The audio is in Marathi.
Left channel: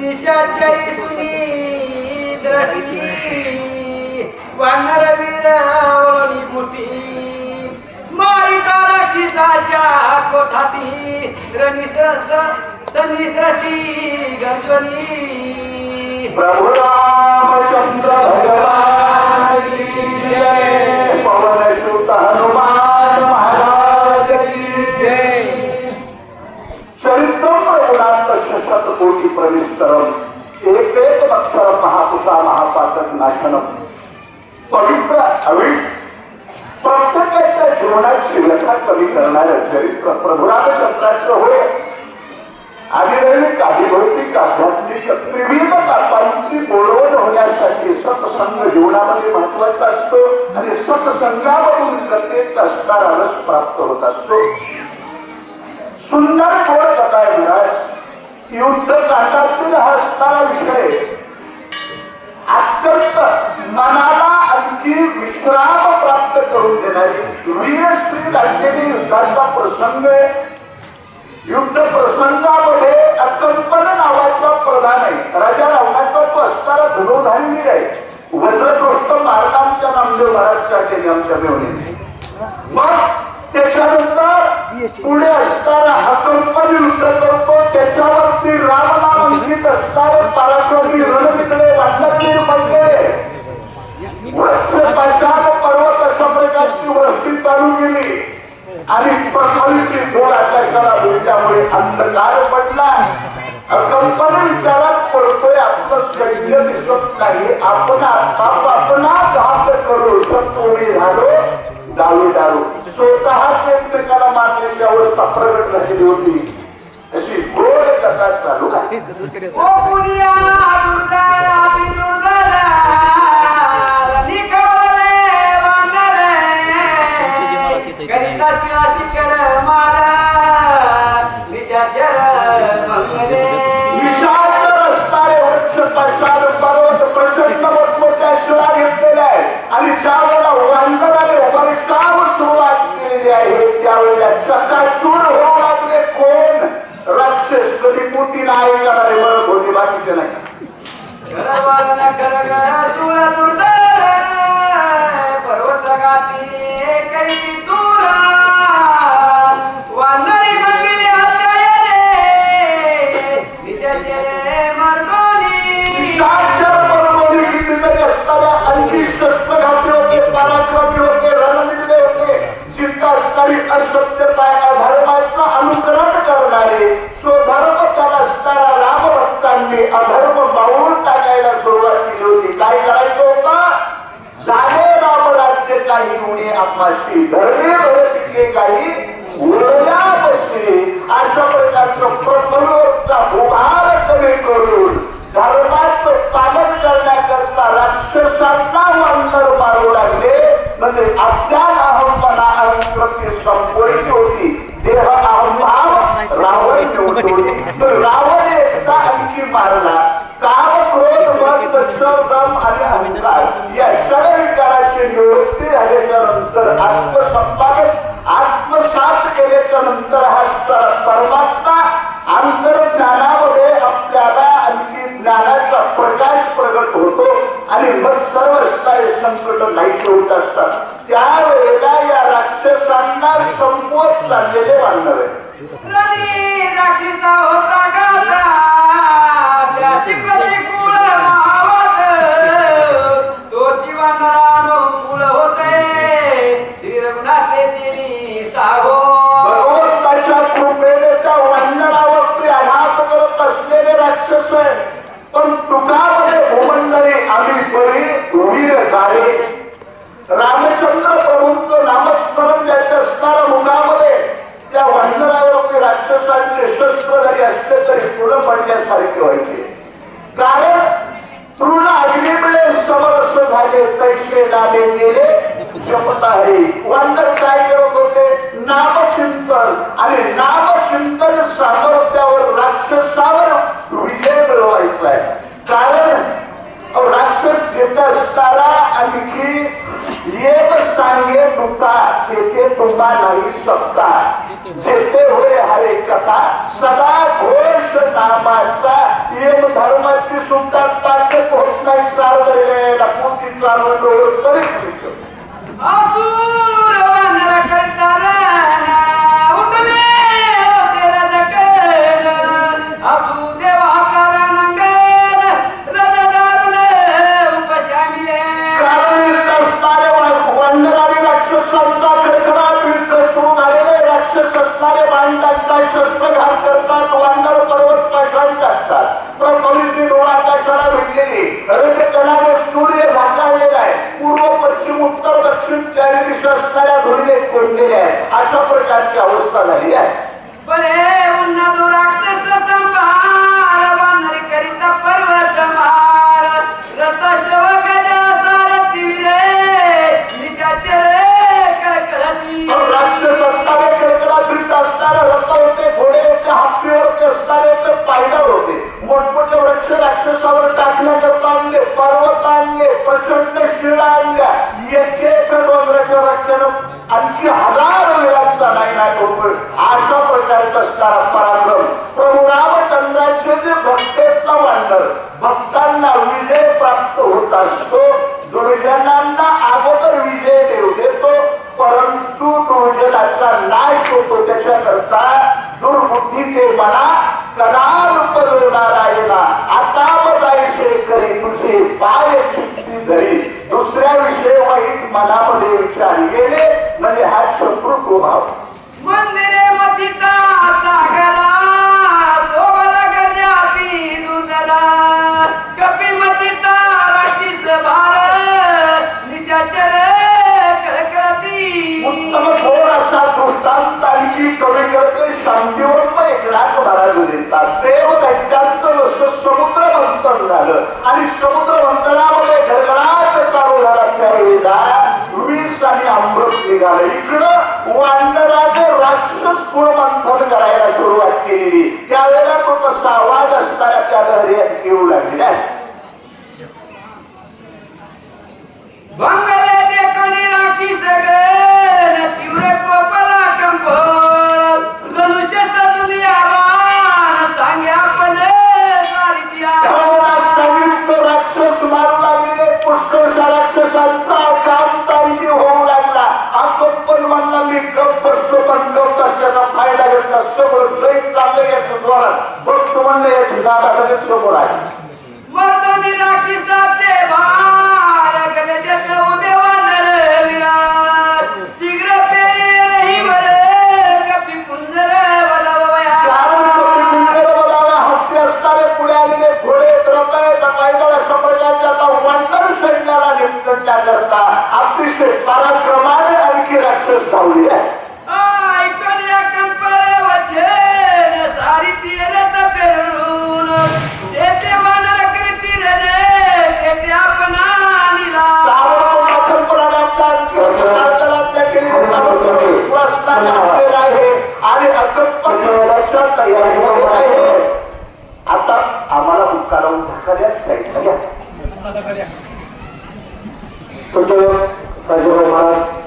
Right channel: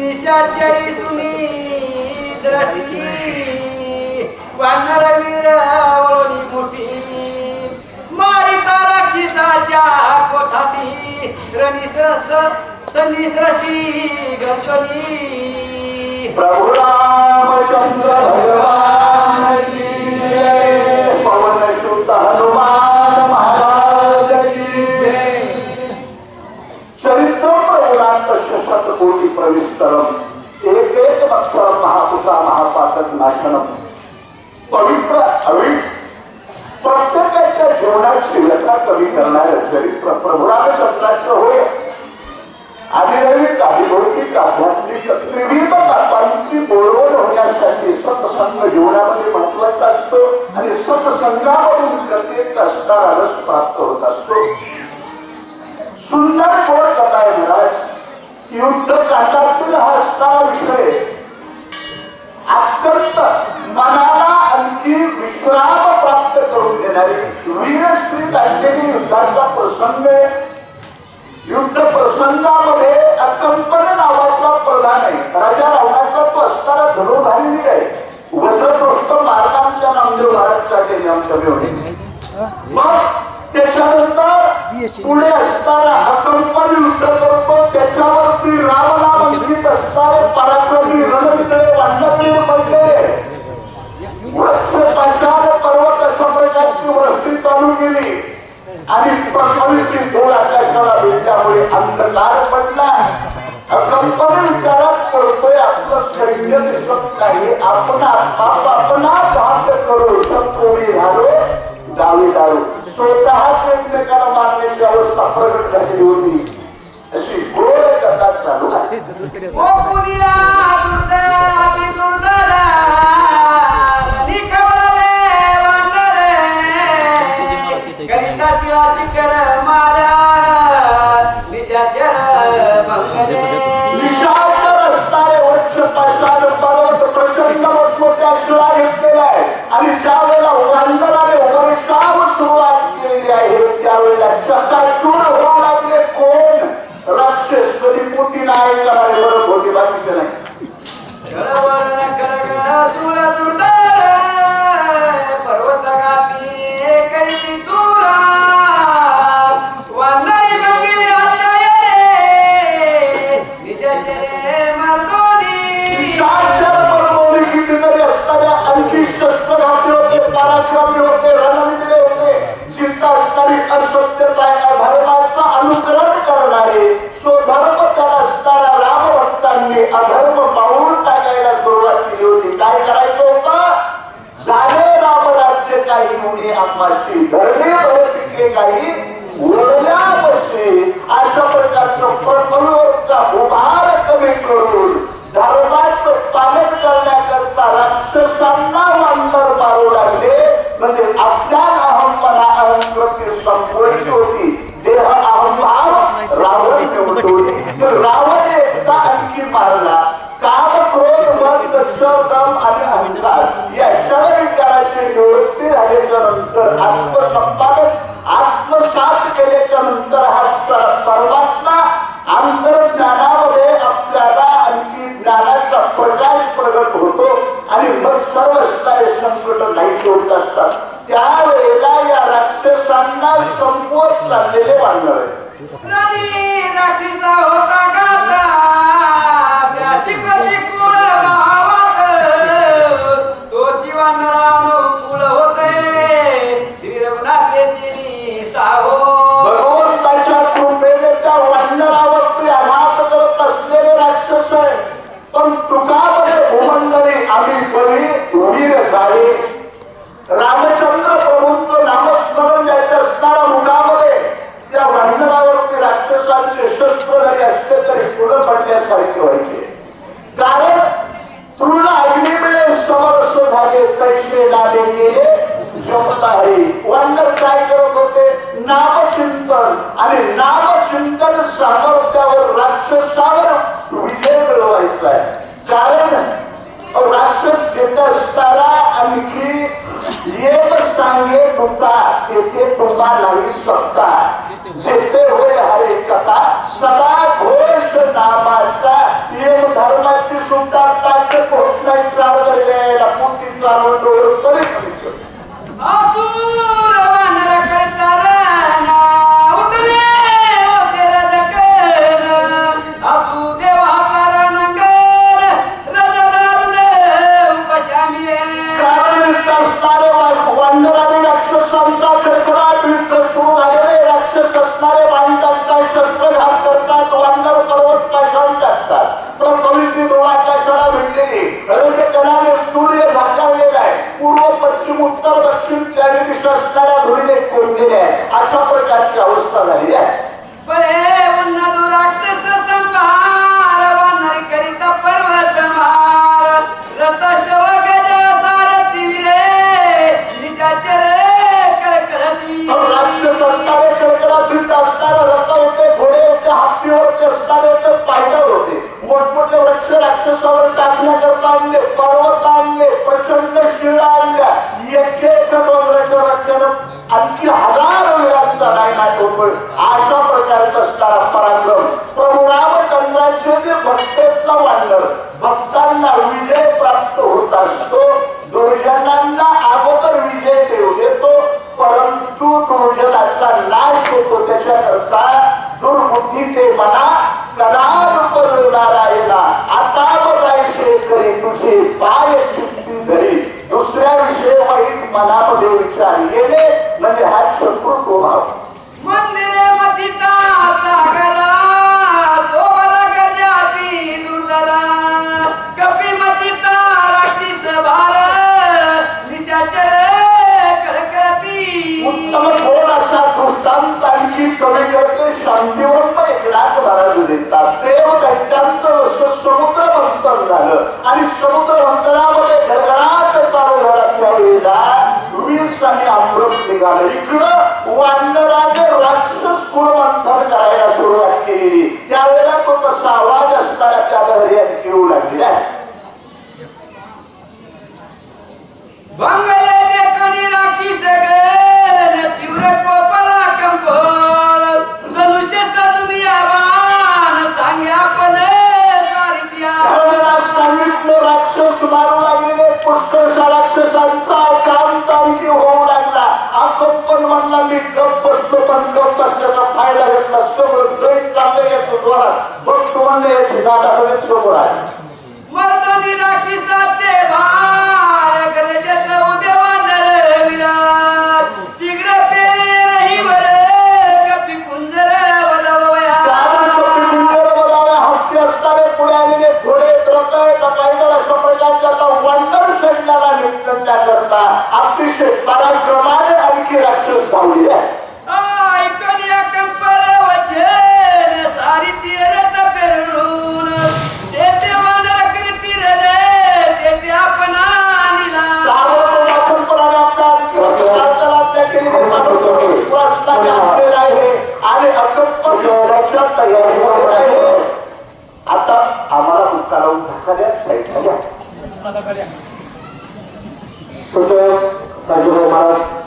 निशाचरी सुनी द्रष्टी वानर वीर ओळी मोठी मारिका राक्षसाच्या कोठाती रनिसरस सनिसरती गर्जनी प्रभु रामचंद्र भगवान की जय पवन सुत हनुमान महाराज की जय चरित्र प्रभुरांत शशत कोटी प्रविष्टरम एक अक्षर महापुषा महाताकद नाशनम पवित्र अविट प्रत्येकाच्या जीवनात शिलता कमी करणारं चरित्र प्रभु रामचंद्राचं होय. आदिरवी काही भौतिक आध्यात्मिक विविध तापांची बोलवण होण्यासाठी सत्संग जीवनामध्ये महत्वाचा असतो आणि सत्संगामधून कथेच असणारा रस प्राप्त होत असतो. सुंदर गोड कथा आहे महाराज. युद्ध काठातील हा असणारा विषय अत्यंत मनाला आणखी विश्राम प्राप्त करून देणारी वीरश्री असलेली युद्धाचा प्रसंग आहे. युद्ध प्रसंगामध्ये अकंपन नावाचा प्रधान आहे. राजा रावणाचा तो असणारा धनुधारी वीर आहे. वज्रदृष्ट मार्ग आमच्या नामदेव महाराजसाठी आमच्या मिळवणे. मग त्याच्यानंतर पुढे असताना अकंपन युद्ध करतो. त्याच्यावरती रामनाम लिखित असणारे पराक्रमी रणविजय रामवीर म्हणजे वृक्ष पाषाण पर्वत अशा प्रकारची वृष्टी चालू केली आणि पृथ्वीची गोड आकाशाला भेटल्यामुळे अंधकार पडला. अकंपन विचारात पडतोय आपलं सैन्य दिसत नाही. आपण घात करू कोणी झालो दारू दारू स्वतःच एकमेकाला मारण्याची अवस्था प्रकट झालेली होती. अशी गोड कथा चालू आहे. प्रचंड मोठमोठ्या शिळा घेतलेल्या आहेत आणि ज्या वेळेला वांदराने वर्षाव सुरुवात केलेली आहे त्यावेळेला चकाचूर होऊ लागले. कोण राक्षस कधी मोठी नाही करणारे बरं भोटी बाकीचे नाही. पर्वत गाठी करी चुरा वानरी बंगिले आणखी शस्त्र घातले होते. पराक्रमी होते. रणविजय होते. चिंता असणारी असत्यता अधर्माचं अनुकरण करणारे स्वधर्म त्याला असणारा रामभक्तांनी अधर्म मावून टाकायला सुरुवात केली होती. काय करायचं होतं? झाले रामराज्य काही मुनी आम्हाशी धरणे धरतीचे काही उरल्या बसे अशा प्रकारचं प्रबलचा उभार कमी करून धर्माचं पालन करण्याकरता राक्षसांना वानर मारू लागले. म्हणजे अज्ञान अहंपणा अहंप्रती संपवायची होती. देह अहंभाव रावण रावण एकदा आणखी मारला. काम क्रोध मद दम आणि अहंकार या षड विकाराची निवृत्ती झाल्याच्या नंतर आत्मसंपादन आत्मसात केल्याच्या नंतर हा परमात्मा अंतर्ज्ञानामध्ये आपल्याला आणखी ज्ञानाचा प्रकाश प्रगट होतो आणि मग सर्व असणारे संकट नाहीसे होत असतात. त्यावेळेला या राक्षसांना संपवत चाललेले वानर आहे. तो जीवनानो फुल होते रघुनाथेची साहो भगवंताच्या कृपेने त्या वानरावरती आघात करत असलेले राक्षस आहे. पण तुकामध्ये भूमंडळी आम्ही बरी वीर गाडी रामचंद्र प्रभूंचं नामस्मरण ज्याच्या असणाऱ्या मुखामध्ये त्या वानरावरती राक्षसांचे शस्त्र जरी असले तरी पुढे पडण्यासारखे व्हायचे. कारण तृण अग्निमय समरस झाले पैसे डाले गेले जपत आहे. वानर काय करत होते? नामचिंतन आणि नामचिंतन सामर्थ्यावर राक्षसावर विजय मिळवायचा आहे. कारण राक्षस घेत असताना आणखी एक सांगे तुका तेथे तुम्हा नाही शकता. जेथे होय हरे कथा सदा सांगतो तरी असुर वानर करताना उठले होते रजकन असू देवा कारणंगन रजदारुन उपशामिले कारण असणारे वानराने राक्षसांचा खडखडाट युद्ध सुरू झालेले राक्षस असणारे वानरांचा शस्त्रघात करतात वानर पर्वत पाषाण टाकतात प्रथमेची डोळा आकाशाला भिडलेली रजकणाने सूर्य झाकावलेला आहे पूर्व पश्चिम उत्तर दक्षिण चारी दिशा असणाऱ्या धुळीने कोंडलेल्या आहे अशा प्रकारची अवस्था झाली आहे बळे उन्नदो राक्षस संभार वानरी करिता पर्वत मार रथ शव गज सारथी रे निशाचर कळकळती राक्षस असणारे कडकडात असणारे रथ होते घोडे होते हत्ती होते असणारे होते पायदळ होते मोठमोठे वृक्ष राक्षसावर टाकण्याकरता आणले पर्वत आणले प्रचंड शिळा आणल्या एक एक डोंगराच्या रक्षण आणखी हजार वेळांचा नाही होतो अशा प्रकारचा असणारा पराक्रम प्रभू रामचंद्राचे जे भक्तेचा वानर भक्तांना विजय प्राप्त होत असतो दुर्जनांना अगोदर विजय देऊ देतो परंतु दुर्जनाचा नाश होतो त्याच्याकरता दुर्बुद्धी ते मना कदाल नारायणा आता बघायचे करी तुझे पाय चित्ती धरी दुसऱ्या विषयी वाईट मनामध्ये विचार गेले म्हणजे हा शत्रू भाव मंदिरे मथिता सागरा सोबला गजाती दुर्दला कपी मथिता राक्षस भार निशाचर कळकळती उत्तम कोण असा दृष्टांत आणखी कमी करते शांतिवंत एकनाथ महाराज देतात देव दैत्यांचं जसं समुद्र मंथन झालं आणि समुद्र मंथनामध्ये गडगडाट चालू झाला त्यावेळेला वीस आणि अमृत निघालं इकडं वानराने राक्षस कुळ मंथन करायला सुरुवात केलेली त्यावेळेला तो तसा आवाज असणारा त्या दर्यात येऊ लागलेला बंगले देखणी राक्षस गण तीव्र कोपला कंपन धनुष्य सजून आबान सांग्या पण सारित्या सांगितलं राक्षस मारू लागलेले पुष्कळशा राक्षसांचा काम तारीखी होऊ लागला आपण म्हणला मी गप बसतो पण गप असल्याचा फायदा घेतला समोर लई चाललं याचं द्वारात बघतो म्हणलं याची दादा समोर आहे मर्दनी राक्षसाचे भार गरजत उभे वानर विराट शीघ्र पेरे नाही वर कपी कुंजर बलवया हत्ती असणारे पुढे आलेले घोडे रथ पायदळ अशा प्रकारचे आता वानर सैन्याला निपटण्याच्या करता अतिशय पराक्रमाने आणखी राक्षस धावले आहे ऐकून या कंपल वचन सारी तीरत पेरून जेथे वानर कीर्ती रे तेथे आपण निला आता आम्हाला उत्तरावून धक्का द्या साईडला घ्या महाराज